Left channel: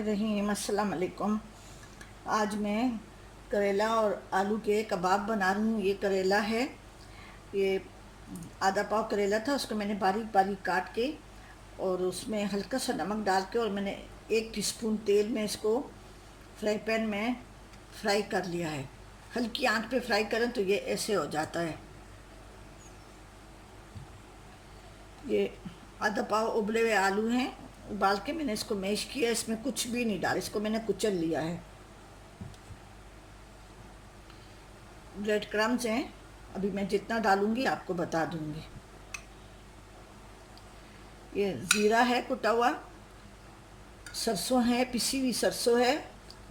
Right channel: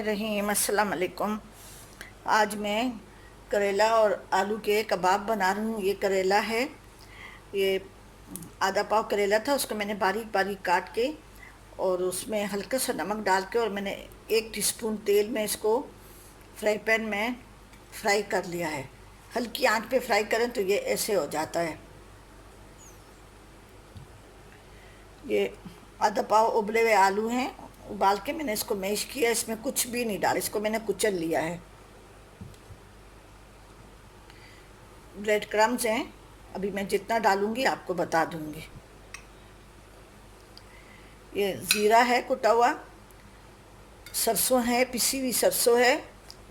रहीम अस्सलाम वालेकुम। आज मैं करेला और आलू के कबाब बना रही हूँ। ये करेला है, ये आधा पाव करेला था, उसको मैंने बारीक बारीक काट के और उसमें हल्का सा नमक डाल के और मैंने 1 टीस्पून तेल में इसको फ्राई पैन में फ्राई कर लिया है। हल्की आंच पे फ्राई करें तो ये ऐसे हो जाता है। ये आधा पाव उबले हुए आलू हैं, उबाल के मैंने इसको मैश किया। इसमें कुछ भी नहीं डाला, इसको मैंने कुचल लिया है। ब्रेड क्रम्स हैं, अभी मैं जितना डालूंगी आपको बता दूंगी। ये ज़ीरा है कुटा हुआ, सरसों है, पिसी हुई सरसों है,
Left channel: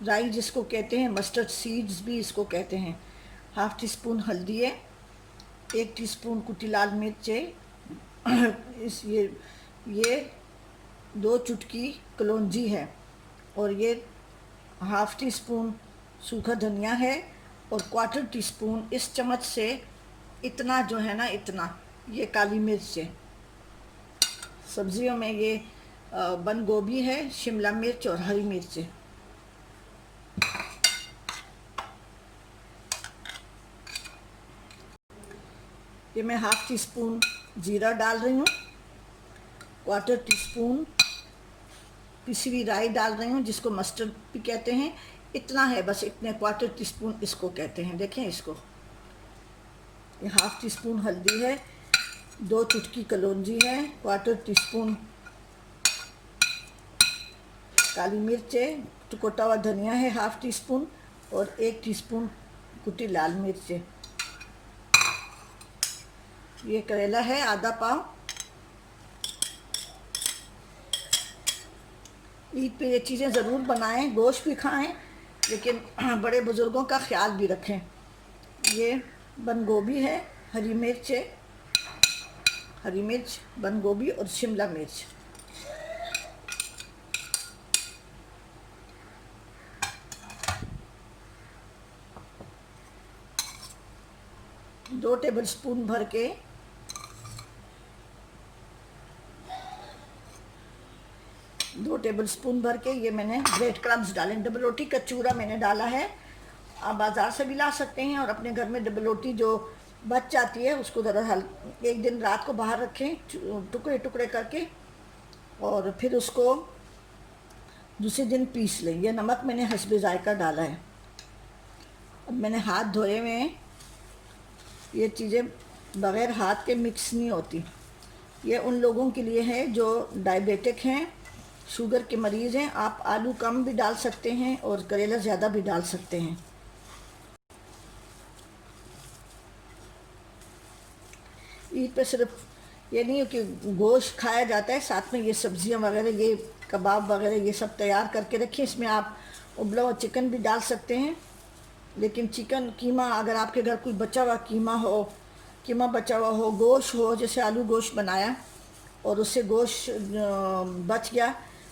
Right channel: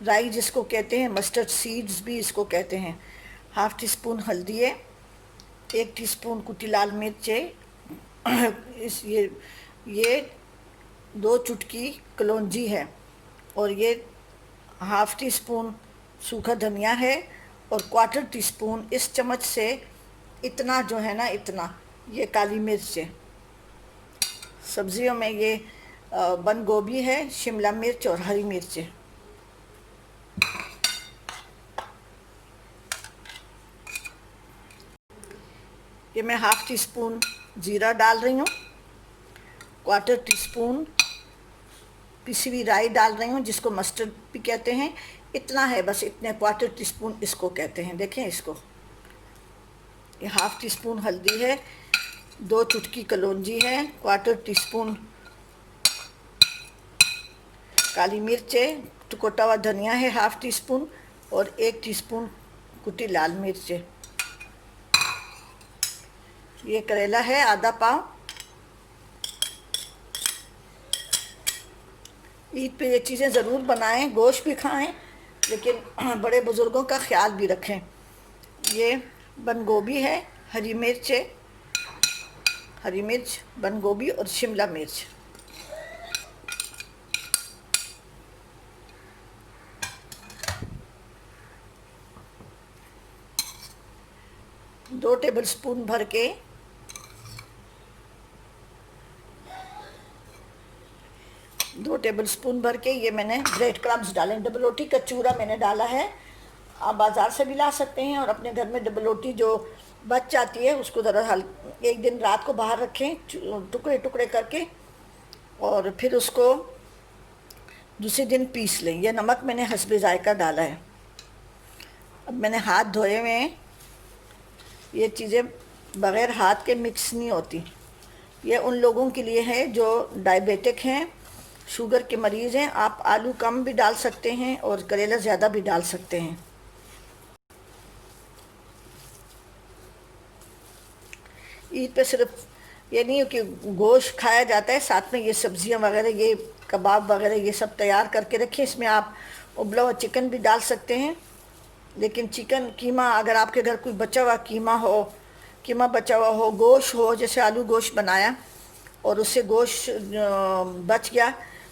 राई जिसको कहते हैं, मस्टर्ड सीड्स भी इसको कहते हैं। 1/2 टीस्पून हल्दी है, 1 टीस्पून कुटी लाल मिर्च है, इस ये 2 चुटकी कलौंजी है, और ये 1/2 टीस्पून सूखा धनिया है, और 1/4 टीस्पून इस चम्मच से इतना जो है ना, इतना ये काली मिर्च है। सब्जियों में ये बंद गोभी है, शिमला मिर्च और हरी मिर्च है। ये मैं 1/2 टीस्पून जीरा डाल रही हूँ, 1/4 टीस्पून पिसी हुई राई डाल रही हूँ, जिसको मस्टर्ड भी कहते हैं। इतना है बस, इतने 1/4 टीस्पून इसको कहते हैं। देखें इसको, ये 1/2 टीस्पून हल्दी है, 2 चुटकी कलौंजी है, 1/4 टीस्पून काली मिर्च है, कुटा हुआ धनिया है 1/2 टीस्पून, और 1 टीस्पून कुटी लाल मिर्च है। ये करेला है आधा पाव। ईद पे ये चीज़ें ज़रूर बनाएं, गोश्त भी खाएं, लेकिन बड़े बुज़ुर्गों का ख्याल भी रखें। ये बंद गोभी है, हरी मिर्च है, हरी मिर्च, बंद गोभी और शिमला मिर्च। दो टेबलस्पून भर के 2 टेबलस्पून भर के ये मैंने ब्रेड क्रम्स डाले। डबल रोटी का चूरा मैंने डाला है। आप बाज़ार से भी ला सकते हैं, और अपने घर में डबल रोटी जो बच जाती है उसको ज़रा एक दिन रात को बाहर रखें टुकड़े टुकड़े करके, और फिर उसको दूसरे दिन पीस लें। यह नमक मैंने हस्बे जायका डाला है। अब मैंने हाथ धोए हुए हैं। ये चीज़ें बग़ैर हाथ के मिक्स नहीं होती। ये उन लोगों के लिए है जो डायबिटिक हैं, शुगर के मरीज़ हैं। आप आलू कम भी डाल सकते हैं और करेला ज़्यादा भी डाल सकते हैं। ईद पे सिर्फ ये नहीं है कि गोश्त खाया जाता है, साथ में ये सब्जियां वगैरह, ये कबाब वगैरह, ये सब तैयार करके रखिए। इसमें आप उबला हुआ चिकन भी डाल सकते हैं, लेकिन चिकन कीमा, अगर आपके घर कोई बचा हुआ कीमा बचा हुआ हो, गोश्त हो, जैसे आलू गोश्त बनाया और उससे गोश्त बच गया,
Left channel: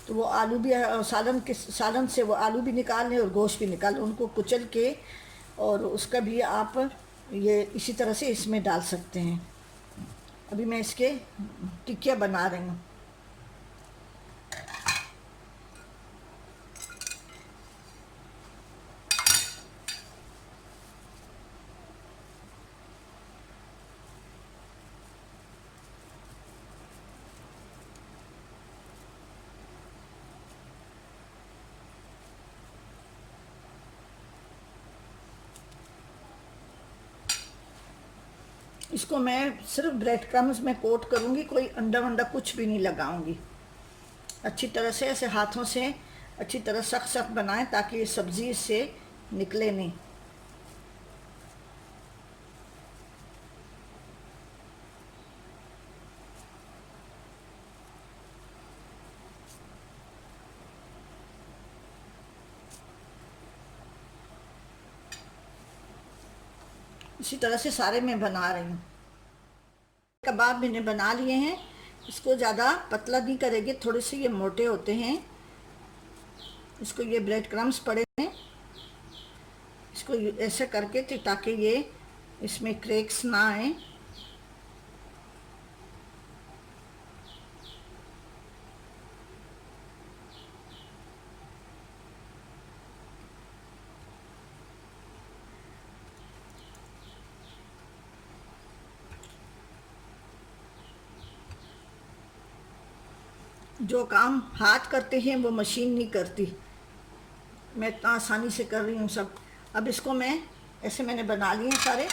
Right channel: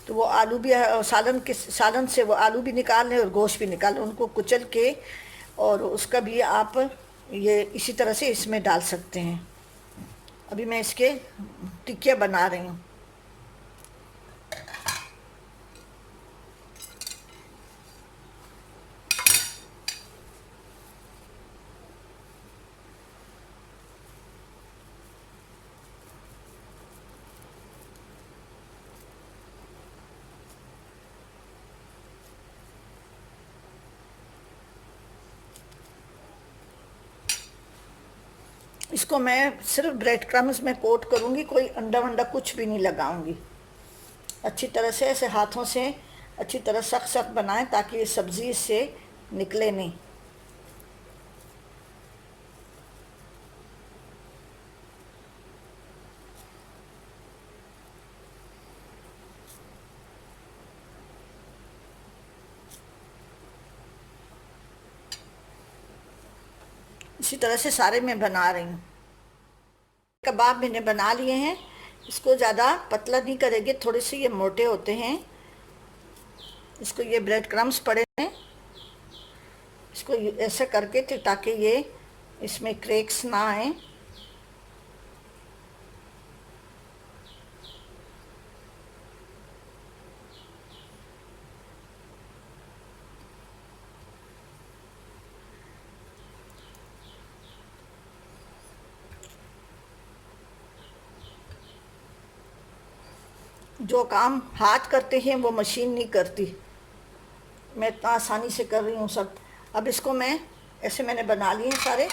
तो वो आलू भी सालन से वो आलू भी निकाल लें और गोश्त भी निकाल लें, उनको कुचल के, और उसका भी आप ये इसी तरह से इसमें डाल सकते हैं। अभी मैं इसके टिक्कियाँ बना रही हूँ। इसको मैं सिर्फ ब्रेड क्रम्स में कोट करूँगी, कोई अंडा वंडा कुछ भी नहीं लगाऊंगी। अच्छी तरह से ऐसे हाथों से अच्छी तरह सख्त सख्त बनाएं, ताकि ये सब्ज़ी से निकले नहीं। इसी तरह से सारे मैं बना रही हूँ। कबाब मैंने बना लिए हैं। इसको ज़्यादा पतला नहीं करेंगे, थोड़े से ये मोटे होते हैं। इसको ये ब्रेड क्रम्स पड़े हैं, इसको ऐसे करके ताकि ये इसमें क्रैक्स ना आए। जो काम हाथ करते हैं वो मशीन नहीं करती। मैं इतना आसानी से कर रही हूँ सब। अब इसको मैं ऐसे मैंने बना लिए सारे,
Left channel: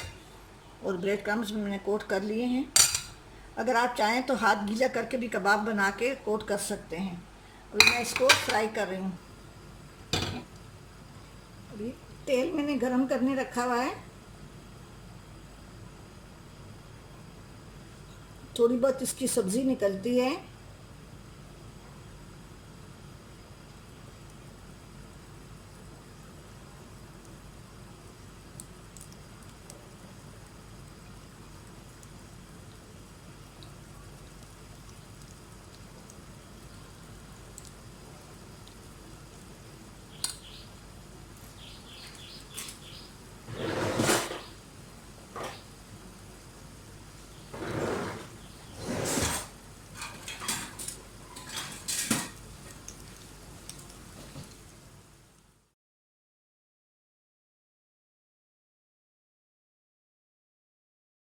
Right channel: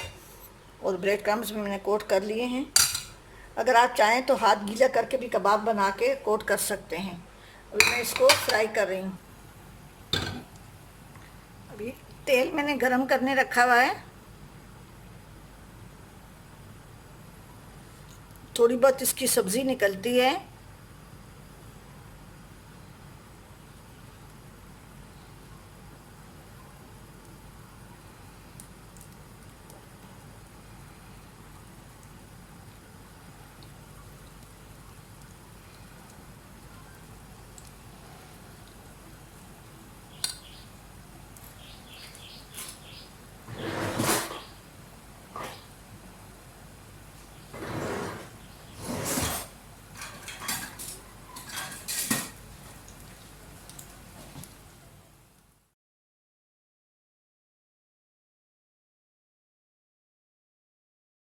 और ब्रेड क्रम्स भी मैंने कोट कर लिए हैं। अगर आप चाहें तो हाथ गीला करके भी कबाब बना के कोट कर सकते हैं। अभी मैं इसको फ्राई कर रही हूँ। अभी तेल मैंने गरम करने रखा हुआ है। थोड़ी बहुत इसकी सब्ज़ी निकलती है,